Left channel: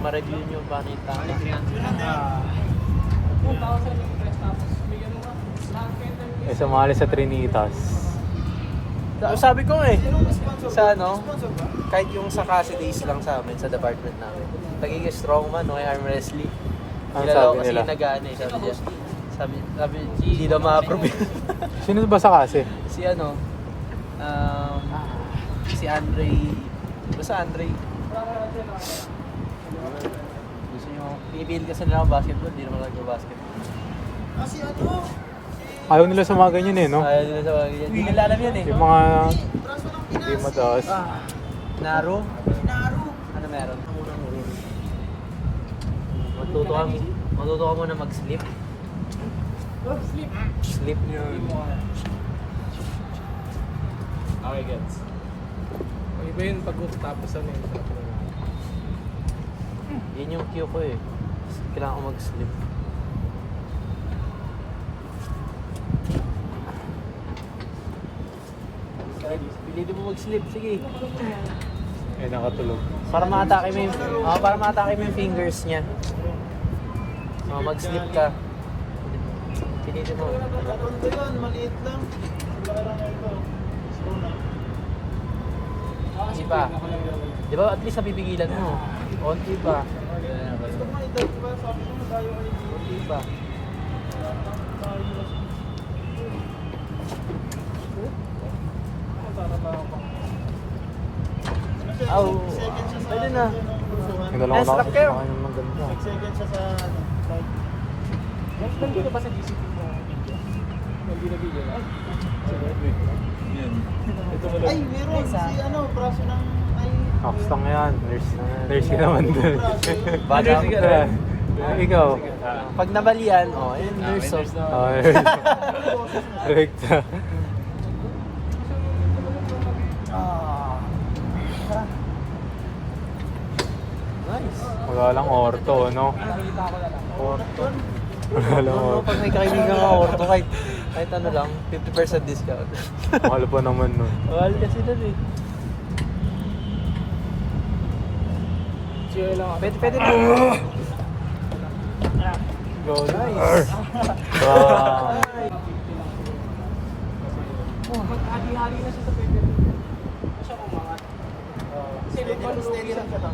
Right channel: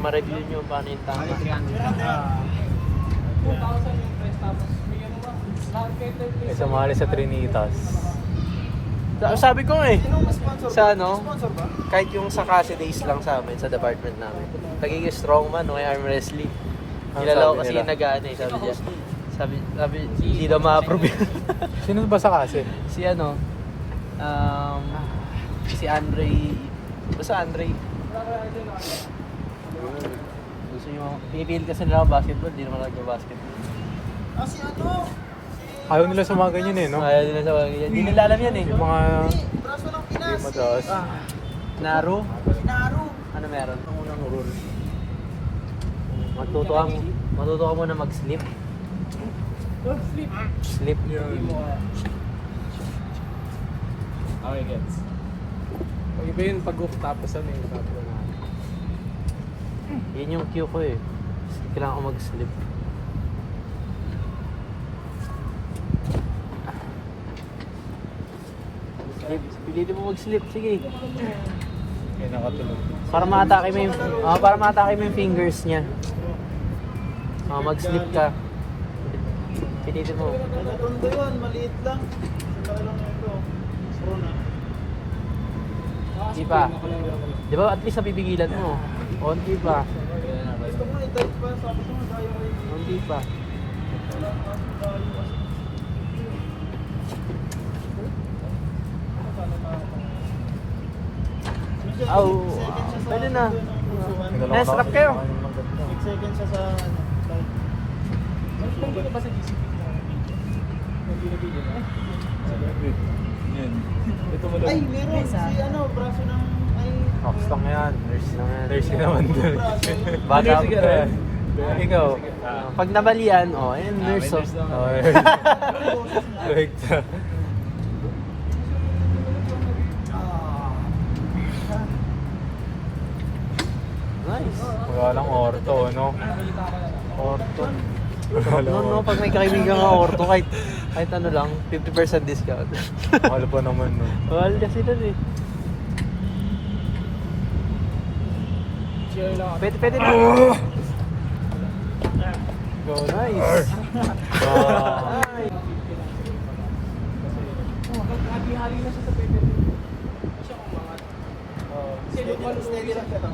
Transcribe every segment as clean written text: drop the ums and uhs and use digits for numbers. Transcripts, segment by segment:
ma-review nyo paano yung tank. 2,000 yung press tapos may ano ba? Lahat better May sumali sa Trinitas. So, sabi ko eh, sa ano, kahit yung sa Cassie days lang sa amin, sa department namin, naging strongman o arm wrestling. Ano Kilala ko sabi kasi nila? nag-ano eh, sabi niya. Sabi, hindi daw ma-approve yun. Sino ba sa kasi? Si ano, si Andre, basta Andre. Gusto yung, pinipil kasi nila ang basketball, di naman nag-basketball. Si ano? Ayaw nila sa mga ganyan eh, no? Ayaw nila sa mga ganyan. Hindi nila alam yan eh. Yung mga Braso ng hindi Pinas. mataas. Naro? Naru. Ano meron? Ang unang rule. Matuto ka muna mag-sleep. sleep. Sleep yun. Okay, gets. Ang iba yun pag tapos ano. Yan yung cue ko eh. Kailangan ko mag-sleep. Pilitin mo mag-sleep, sige. Ay, nakatulog. Para ma-atake mo yung fingers niya. Mag-sleep ka. Pilitin mo. Nagatondo yun, maliit lang. Laki lang yun to. Rona. Di ba? Di ba at least nabibigilan mo? Konti ba? Gusto ko nga ito, di ba sabi ko na tayo kayo. Konti ba? Tayo kasi. Sana makapang. Ano siya? Aw. Second siya sa Pwede na. pusuhan. Nagdalawa Let's na look kasi kayo. yung maganda. Second siya sa ano, bike. Nandito ba sa GCP? Hindi na video. Yan. Ito mo Ay, meron si ano, braso ng ay. Basta nga yan. Nurse na yan. Nurse ka naman doon. Ba, nurse ka rin? Ikaw. Pag nabalian, ayun, nurse. Direct na. Wala lang orto, no? Wala lang orto. Pag may kaibigan ng orto, kahit ano lang, 50% discount. Mahal pa naman, no? Mahal kasi doon eh. Pwede na. Go, nice! Wow. Hali-hali na siya sa pepe. Siya kumangat. Steady lang siya lang.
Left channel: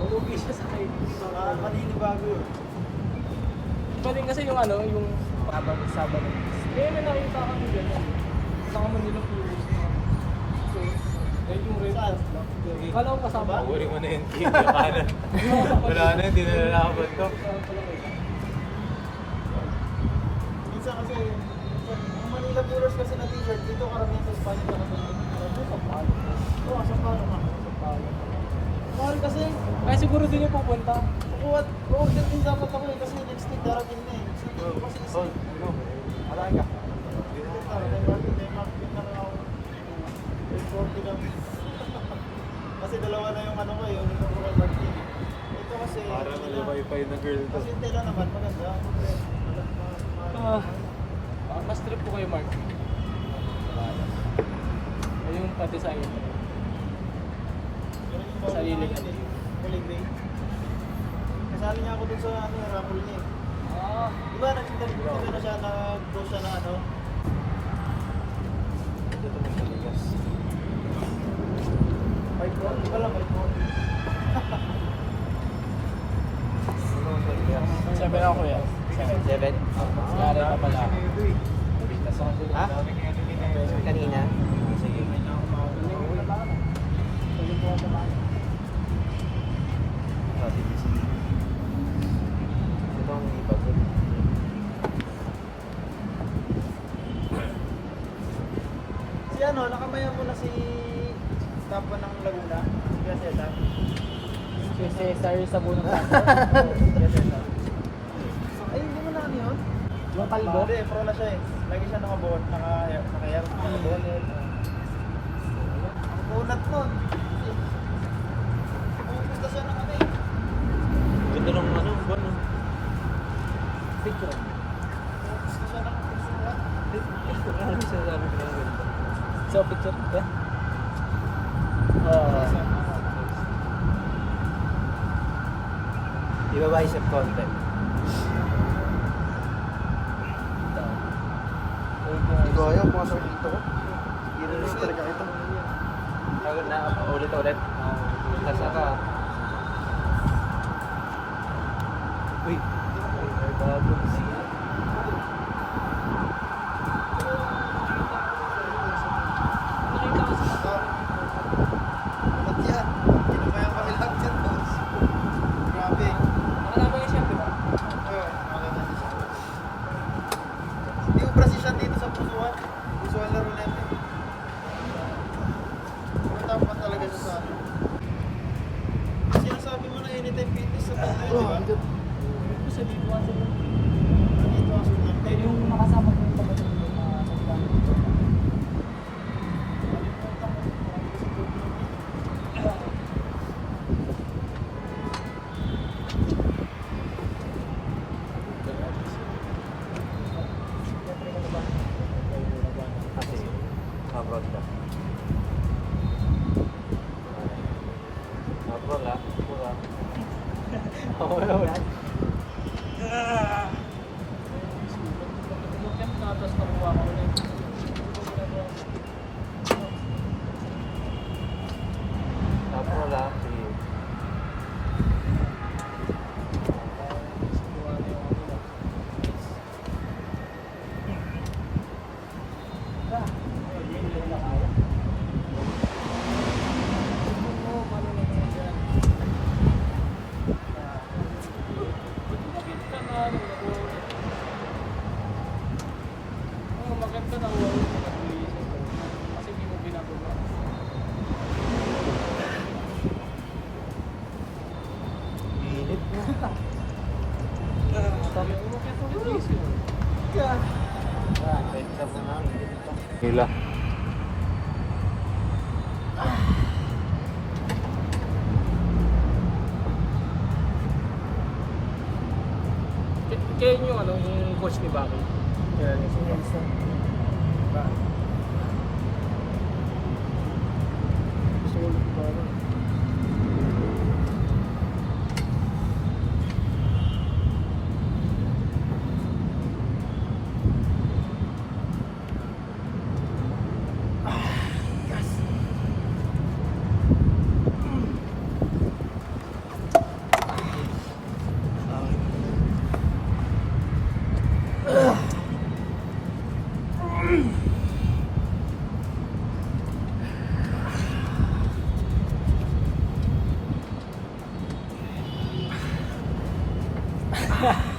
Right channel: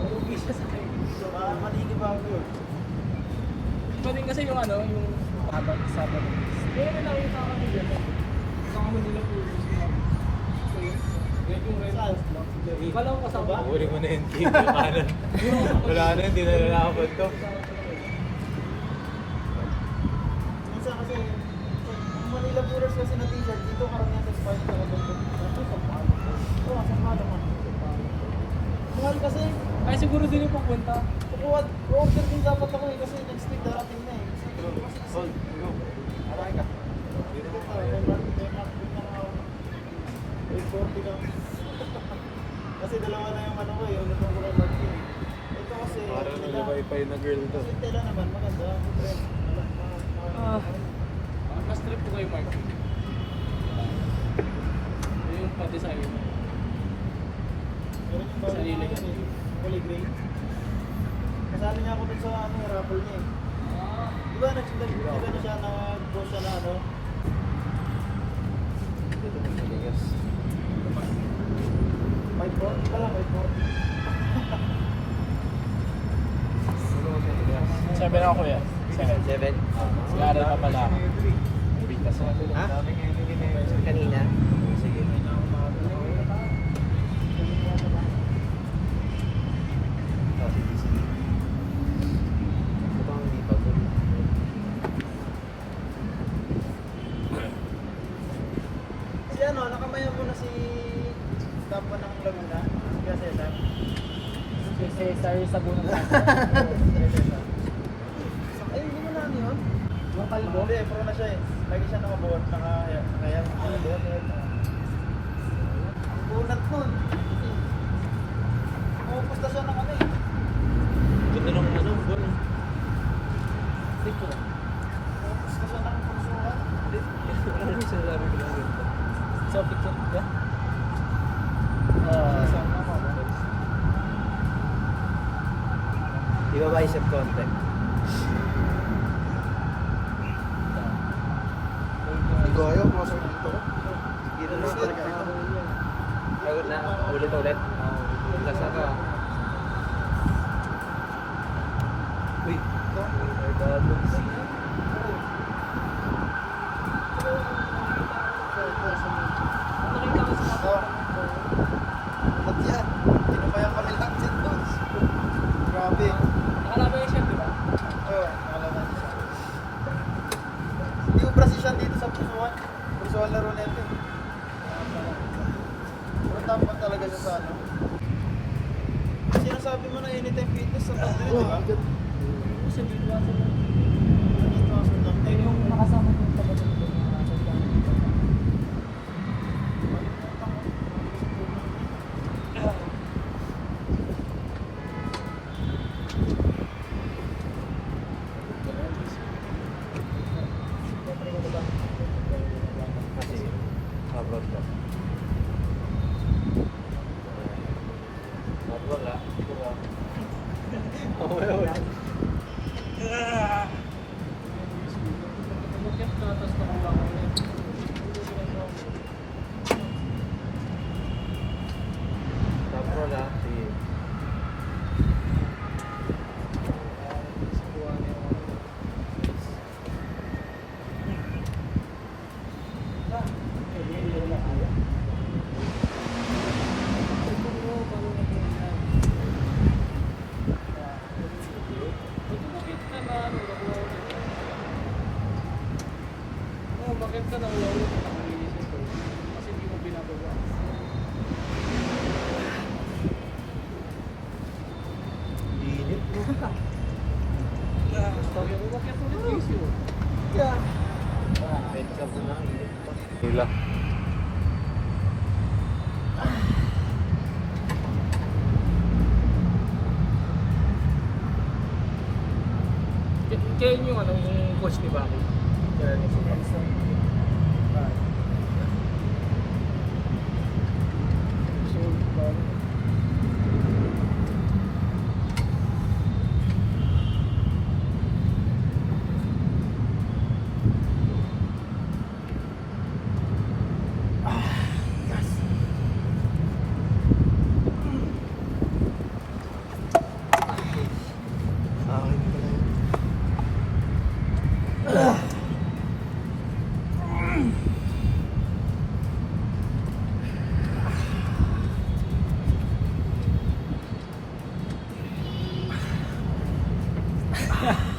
Maninibago yun. Iba din kasi yung ano, yung Sabado. Kaya na yung sa kaibigan niya. Sa kami nila viewers. So, yan yung red Saan? lang. Kala ko kasama. Uri mo na yung team, yung kanan. Wala na, hindi na nalakabad to. Minsan kasi, ang Manila Brewers kasi na t-shirt, dito karamihan sa spice na katulog. Ito sa palo. Ito nga, sa palo ka. Sa palo. Mahal kasi. Ay siguro din yung pupunta. Kukuha, order din dapat ako eh, kasi next week darating na eh. Ito kasi Hold, ano? Araya. Hindi na ako. Kasi dalawa na yung ano ko eh, yung nito ko kay Martin. Ito kasi, Parang nalabay-pay na girl to. kasi tela naman, maganda. Mas trip ko kay Mark. Yung pa-design. Sarili ko. Kulay green. Kasali niya ako dun sa ano, raffle niya eh. Di ba nagdito na siya, nag-post siya ng ano? Ito na sa bigas. 540 pala, 540. Ano sa bigas? 7 ako yan. 7. Ah, dami kasi nito eh. Ha? Daming enemy na ito eh. Kanina? Sige. Ah, sige, sige. Ito pang hindi pa po. Si ano, nakamaya mo na si Kapwa ng Laguna. Kasi lang. Si Cesar Sabuna. Ay, hindi mo na ano yun? Yung kalbo. Hindi, pro na siya eh. Lagi siya nakaboard, naka-air, bonnet. Ang bunat nun. Pupunta siya ng ano eh. Ganda ng ano, gano'n. Picture. Pupunta siya ng konsuhan. Ano yung sinasabi ko lang ganda? So picture. Yeah. Ibabicep konti. Gaya, pumasok dito ko. Dito na talaga ito. Ulit-ulit. Nasa ka. Uy. Nakita ko sa Ba't yan? Pinabayang kami lahat dyan. Grabe. nakalaban yung chef, di ba? Oo, nakalaman siya. Hindi mo precision dito sa pusuan. Pusuan laro nito eh. Pero tapan talaga siya sa ano. Sinasabi mo na anytime fitness sa banda yun, di ba? Oo, sa dito aso lang. Dito ang sunod. Ay, yung nakasama ko yung tapat ng ito na sa dami. Kalimutan mo. Marami ka sa puno. Abroad ka. Abroad ha? Pagkakit na, tapos nakuha ko rin. Abroad ha? Sige. Kuha na yung ano ba. Hindi na kaya. Bakit ka nakuha ulit ng pag-uwi? Kasi hindi mo binababa. Init mo. Umakyat ulit yung issue. Kahit ka po na. Hila. Kaya yung ano, yung coach ni Baki. Kaya yung suka. Sulit ba ano?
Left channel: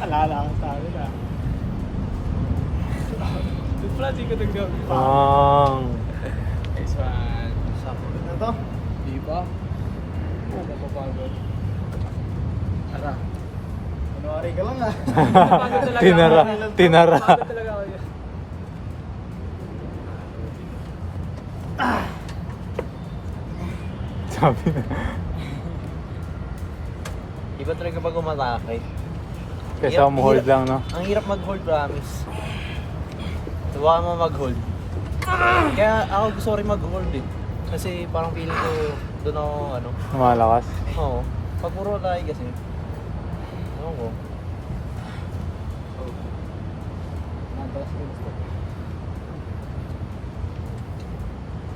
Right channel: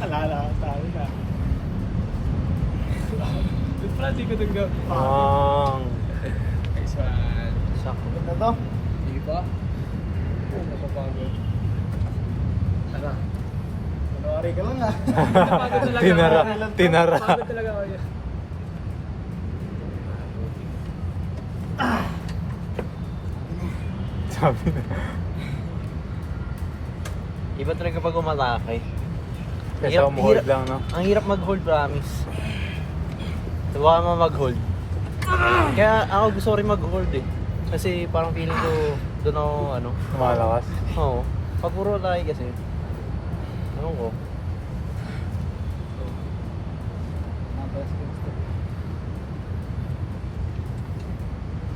Alala ko sa amin ah. Good plan, di ko nag-go. Next one. Pagod na to. Di ba? Oo, mapapagod. Tara. January ka lang ah. Napagod talaga Tinara. ako. Tinara. Napagod talaga ako yun. Sabi na. Iba talaga pag umatake. Kesa mo hold lang, no? Ang hirap mag-hold, promise. Subukan mo mag-hold. Kaya ako gusto rin mag-hold eh. Kasi parang feeling ko doon ako ano. Malakas. Oo. Pag puro tayo kasi. Oo.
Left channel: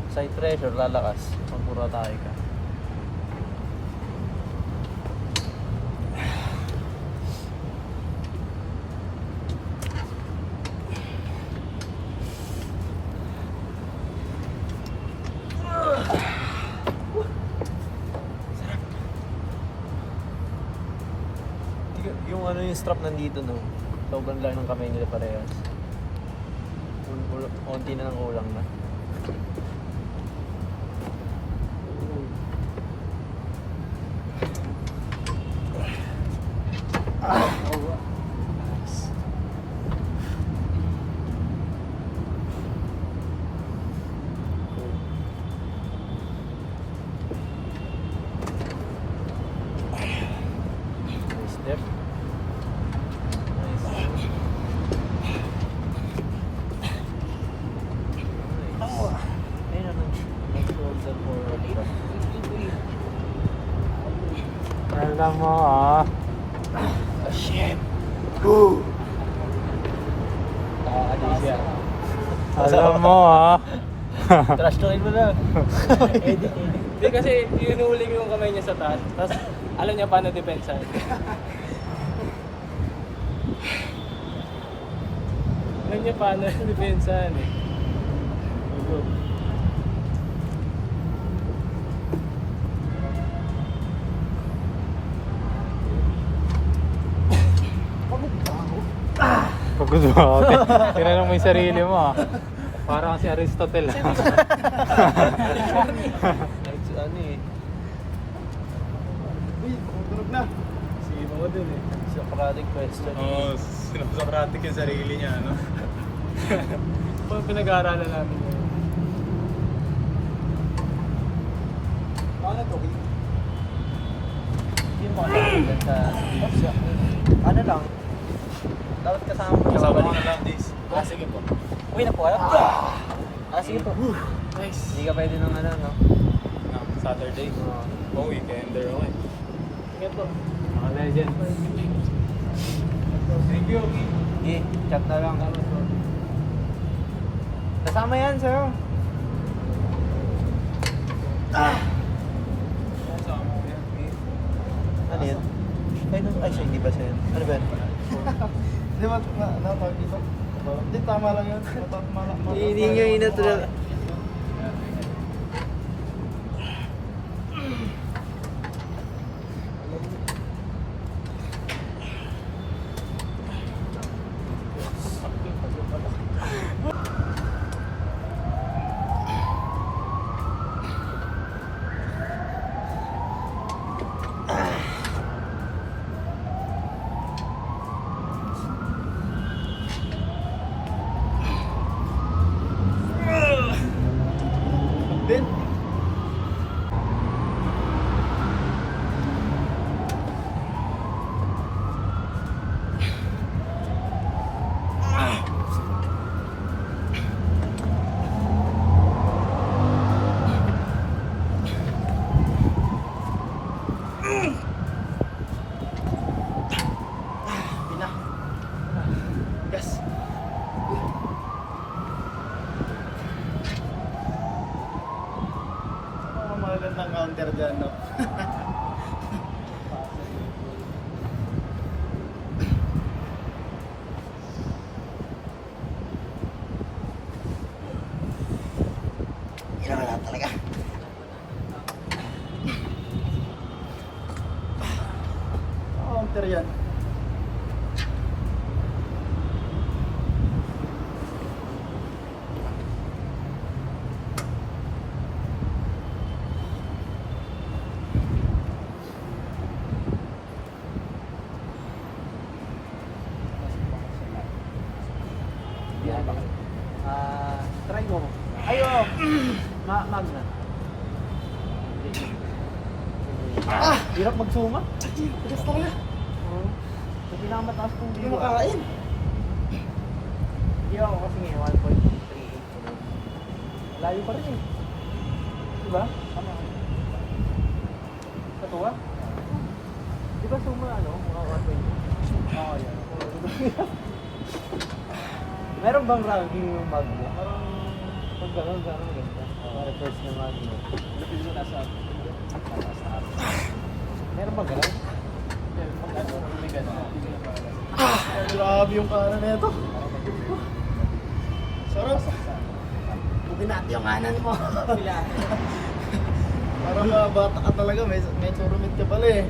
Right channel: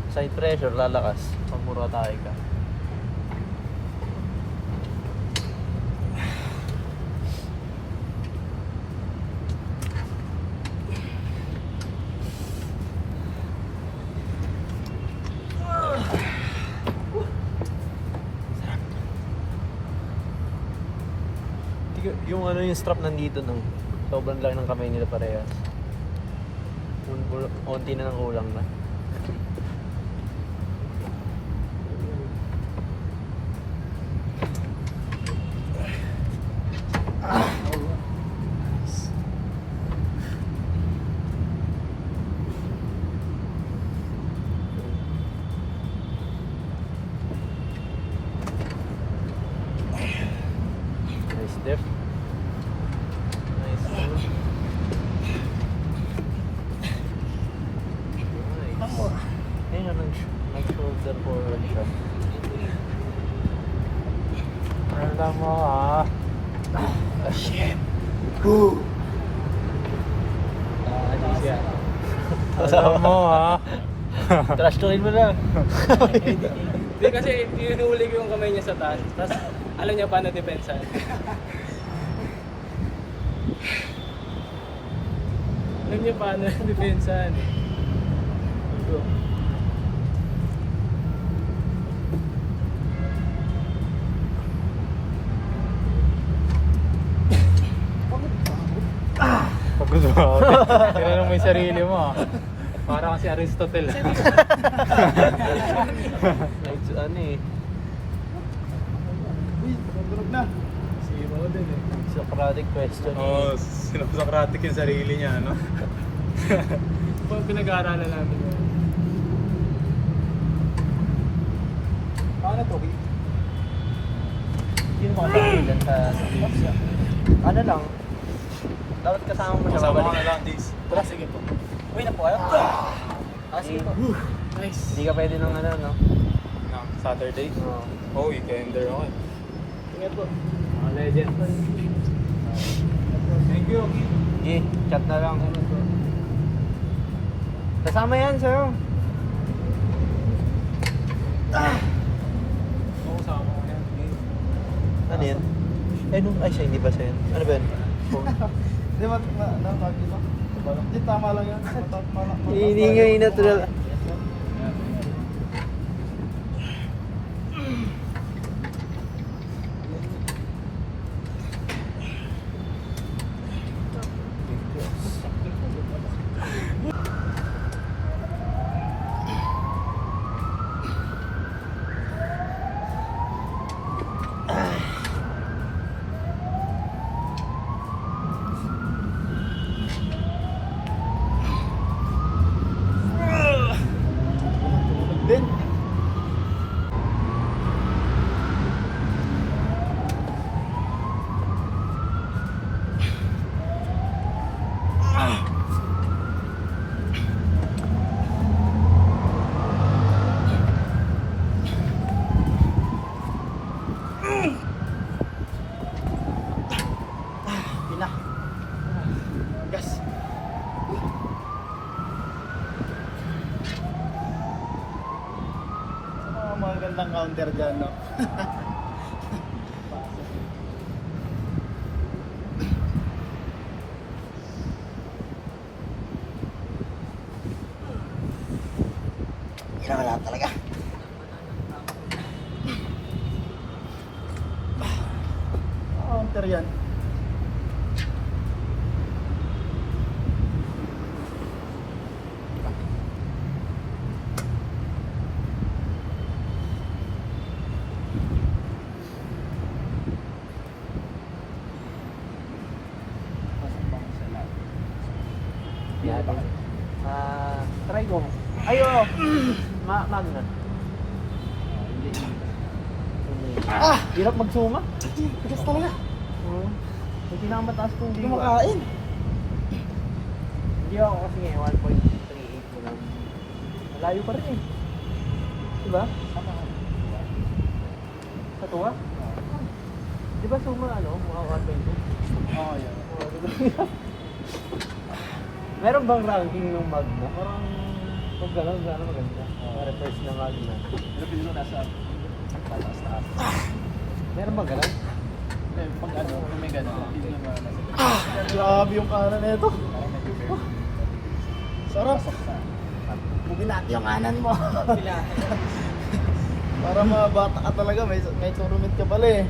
Side pressure, lalakas. Pag puro tayo ka. Yung ano yung strap nandito nung sobrang lang ng kamay nila parehas. Yung konti na ng ulang na. Nice step. Nice step. Nakakadis siya. Alam mo ha. Trash talking mo na. Hindi kasi inuhuli ko yung kamay niya sa taas. Tapos alam niya paano depensa. Alam niya paano depensa. Pagod mo ako. Tinanong mo yung sarili mo ha. Parang si Aristotle ha. Ano eh. Uy, matulog na. Sige mo din eh. Socratic question. Oo, sinapsokratic yung sarili niya ano. Pag pinag-aaralan natin yun. Ano to? Yun lang. Ano lang? Dapat kasama mo. Kasama ko na lang this. Wala, sige po. Uwi na po kayo? Sige po. Nice. Hindi ka pwede nung ano, no? Saturday? Oh, weekender ako eh. Sige po. Mga legend. Thank you, okay. Sige, chat na lang. Kasama yan, sir. Oo, kasama ko yan. Ano yan? Ay, siya, hindi ba siya yun? Ano ba yun? Di ba, natawag dito? Hindi, tama lang yun. Hindi na talaga. Din. Pina. Gas. Ano ang magandang counter dyan, no? Kailangan lahat talaga. Counter yan. Try ko. Ayun. Ma'am na. Hirap magsunga. Tigas talaga. Hindi na mataas kung Hindi makain. Hindi ako kasi may 1.38. Layo pa rin eh. Diba? Sa tuwa? Di ba sa mga ano? Mga 1.38? Meron bang ranking yung mag mo? Pag gano'n, gano'n. Mga refresh na mag mo. Meron ba gano'n? May gano'n. Grabe yung kanan nito. Sarap. Bugin natin yung kanan mo. Para mabata ka talaga, may turumit ka pala eh.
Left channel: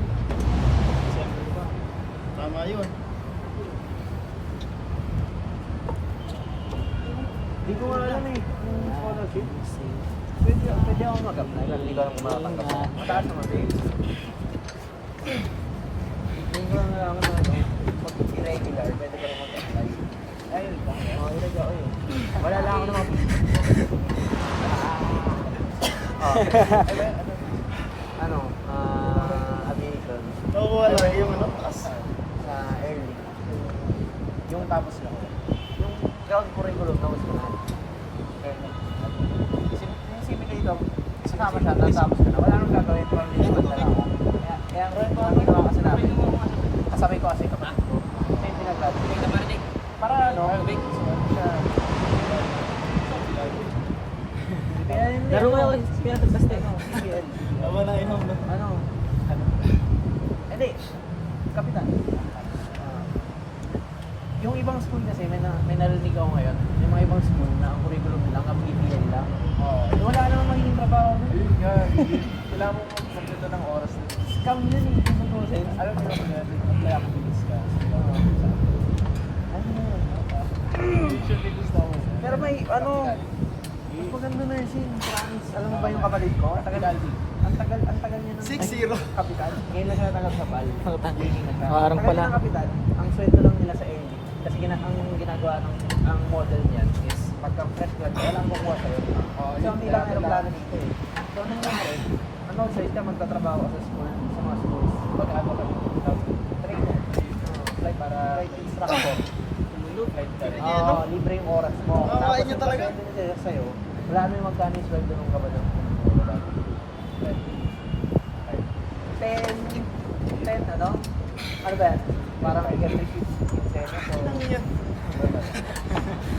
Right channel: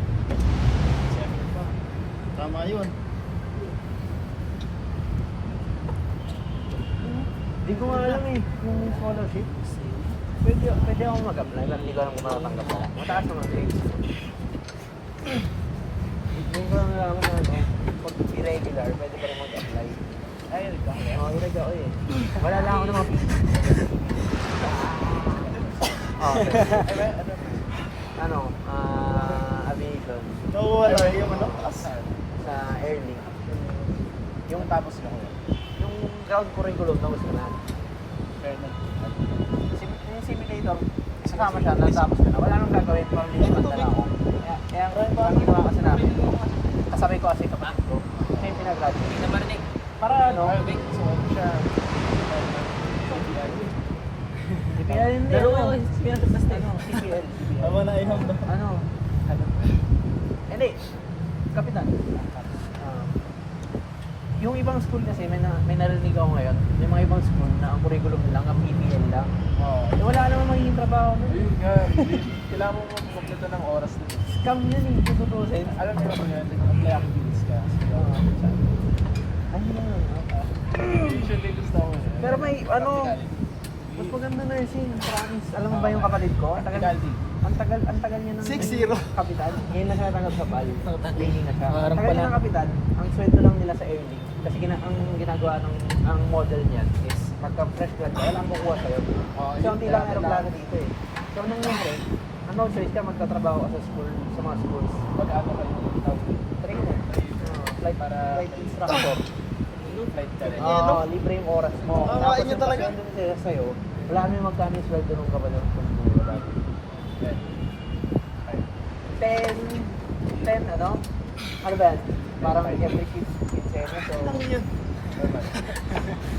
Siyempre pa. Tama yun. Hindi ko alam eh. Kung scholarship. Pwede ako mag-apply. Hindi ko alam. Mataas naman grades. Kung irregular, pwede ka mag-apply. Ayun. Irregular eh. Wala na ako naman. Ano? American. Nakuha lang yung ano, taas. Sa early. Yung tapos lang. Crowd curriculum na gusto na. Early. Yung simulator, kasama siya, tapos ka na. Wala nang gagawin ko. Ay, matubig. Kaya Maraming bata. kasi namin yung mga kasabay ko kasi, siyempre na Hindi. Kapitan. Yung ibang school kasi, may narinig ako ngayon, yung mga ibang school na ang curriculum lang, ang PBL lang. Wala namang magiging trabaho. Kailangan mo ito ng oras. Scam yun eh, tututusin. Alam mo yun, kaya ang bilis ka. Pero may ano, student na nursing. Alam mo ba yung kapatid ko? Ang tagal niya ng 6-0. kapital. Ngayon lang natanggap sa pal. Parang Tagal pala. niya ng kapital. Ang sweldo lang nila sa early. Kasi ang ginagawa ng ang model niyan is pagka fresh grad, walang kukuha sa'yo. So, hindi lang aeroplano dito eh. So, ano naman po? Ang mga sweldo ka magtatrabaho ka sa school, sa mga schools. Pag-ano ka, trainer, flight instructor. Libre yung oras mo. Kawain niya talaga. Kaya sa'yo, wala naman magkano yung sweldo mo talaga. 10 ano? Ano ba yan? Parang I get receipt. Inang niya.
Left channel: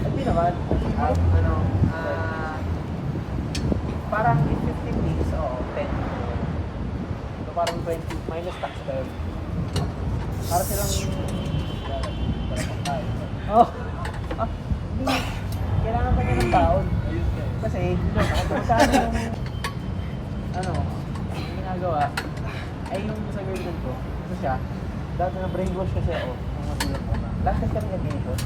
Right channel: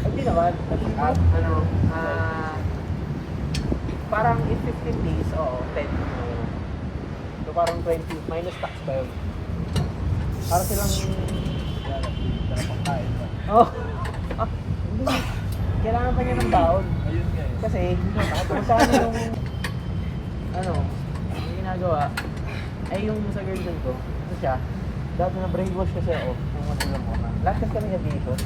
Hindi naman. Ano? Parang in 15 days, 10. So, parang 20 minus tax pa yun. Para silang... Oh! Hindi. Kailangan pa niya ng baon. Kasi, masyado yung... Ano? Yung ginagawa. Ay yung sa girlfriend ko. Ito siya. Dati na brainwash kasi ako. Lakas kami nag-issue.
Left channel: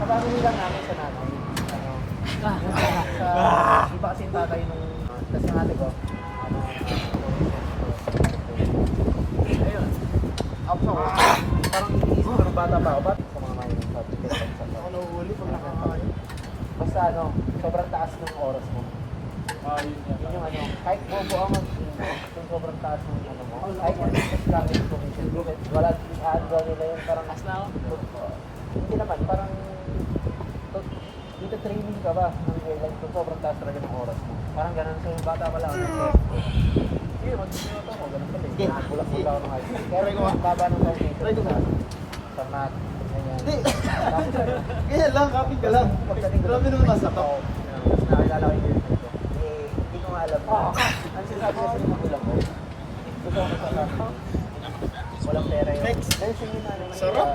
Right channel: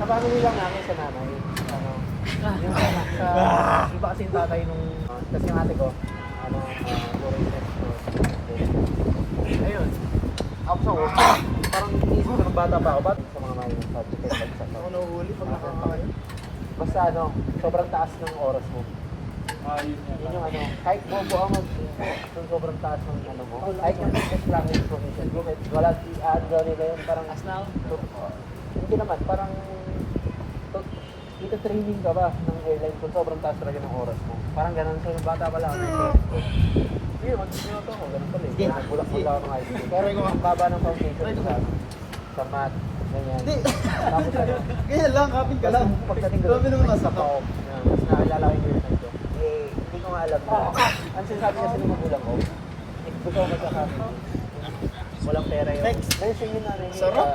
Sa bago nila namin sa namin. Iba kasi yung tatay nung... Kasi yung ate ko. Ayun. Parang inisip ko ng bata pa ako. Bakit sa mga Ako nahuhuli pag nakakain. basta ano, sobrang taas ng oras mo. Yun yung ano, kahit kung ito mo, kung sobrang taas ng ano mo. Kahit lang information, wala draw nila yung parang as now. Hindi naman, parang ito-training ka ba ng guideline kung sobrang taas talaga ng oras mo. Parang ganun sa yung bata pala. Yun, mag-ito mo, ganun pala. Try ko ba? Baba ng foundation. Try ko ba? Sa math, ganyan. Hindi. Kaya lang, kapit ka lang. Grabe naman nasa top. Nakilala ko yung hindi ko alam. Ang sinasabi kasi ng magulang ko, walang pera yun. Next. Ayun, sige na. Sarap.